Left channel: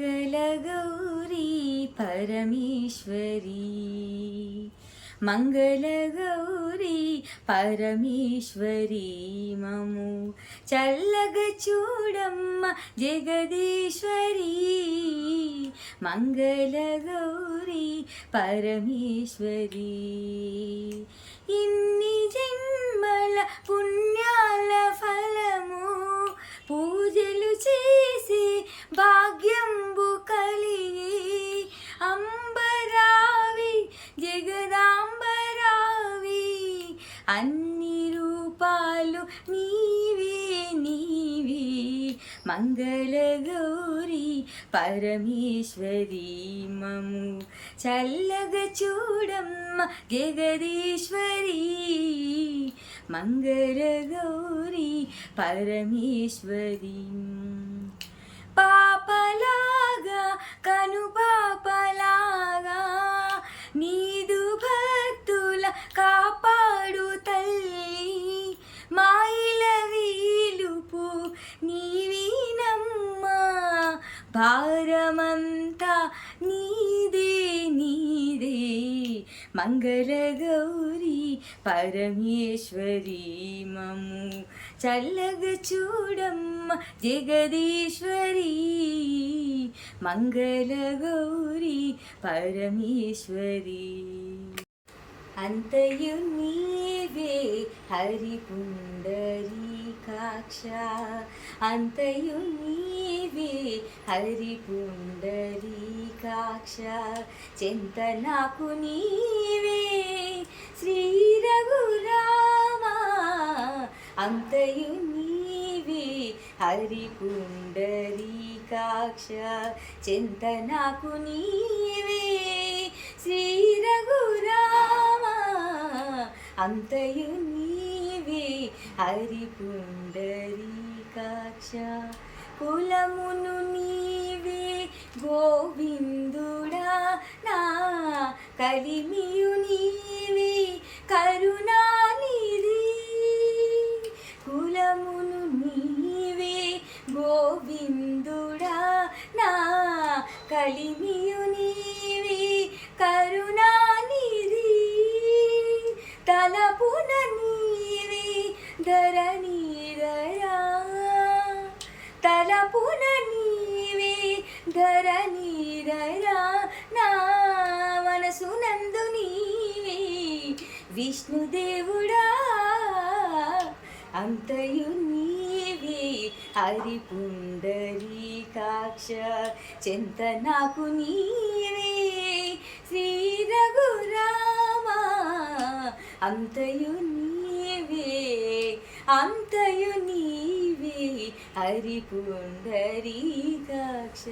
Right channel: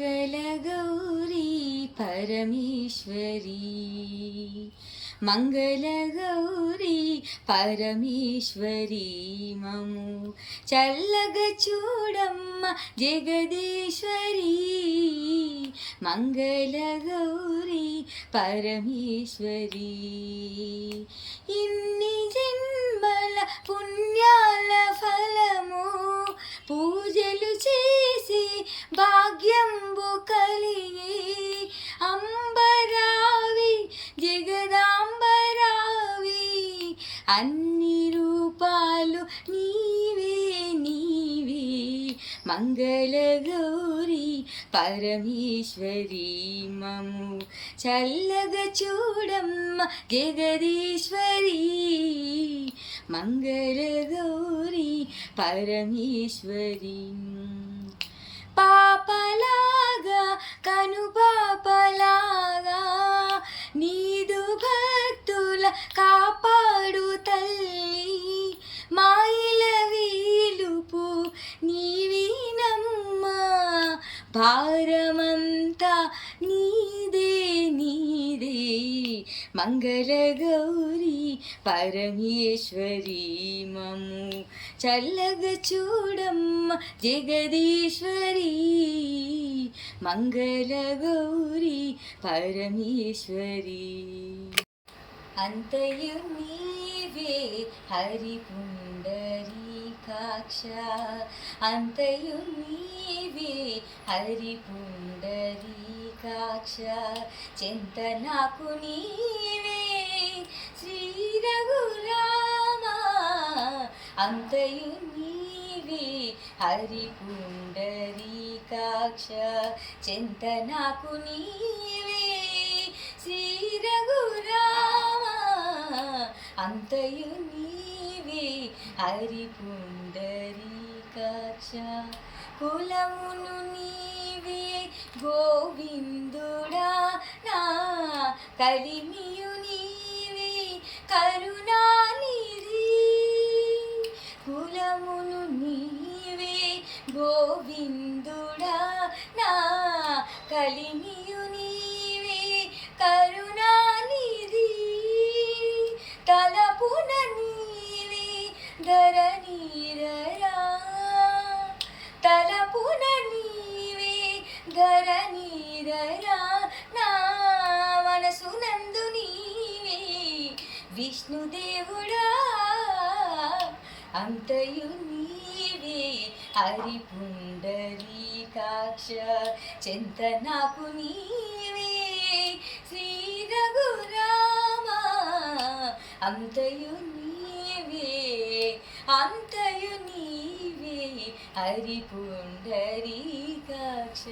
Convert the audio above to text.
మంగళగౌరీ పరమేశ్వరీ మంగళగౌరీ పరమేశ్వరీ మము చల్లగా చూడమ్మ జగదీశ్వరీ మంగళగౌరీ పరమేశ్వరీ ఇన్ని జన్మల పుణ్యాల ఫలము పూజలు చేసి భాగ్యంబు కలిగి అంబరావి జగదాంబరావి అన్ని రూపాలు నీవే నీవే మంగళగౌరీ పరమేశ్వరీ మము చల్లగా చూడమ్మ జగదీశ్వరీ మంగళగౌరీ పరమేశ్వరీ పాపలాగా కను పాపలాగా నీదు భక్తుల కాపాడు తల్లి మాయిల వీలుపు నీవినమ్మా భారమంతా నీదే నీదే మంగళగౌరీ పరమేశ్వరీ మము చల్లగా చూడమ్మ జగదీశ్వరీ మంగళగౌరీ పరమేశ్వరీ అంతయు నీవే హరి పుండరీకాక్ష అంతయు నీవే హరి పుండరీకాక్ష చింత నాకు నీవే శ్రీ రఘురామా అంతయు నీవే హరి పుండరీకాక్ష చింత నాకు నీవే శ్రీ రఘురామా అంతయు నీవే హరి పుండరీకాక్ష కులమును నీవే గోవిందుడా నా కలిమియు నీవే కరుణానిధి కులమును నీవే గోవిందుడా నా కలిమియు నీవే కరుణానిధి తలపున నీవే ధరణీరరా తలపున నీవే ధరణీరరా నా మనసునందు నీవే విష్ణుదేవుడా అంతయు నీవే హరి పుండరీకాక్ష చింత నాకు నీవే శ్రీ రఘురామా అంతయు నీవే అంతయు నీవే హరి పుండరీకాక్ష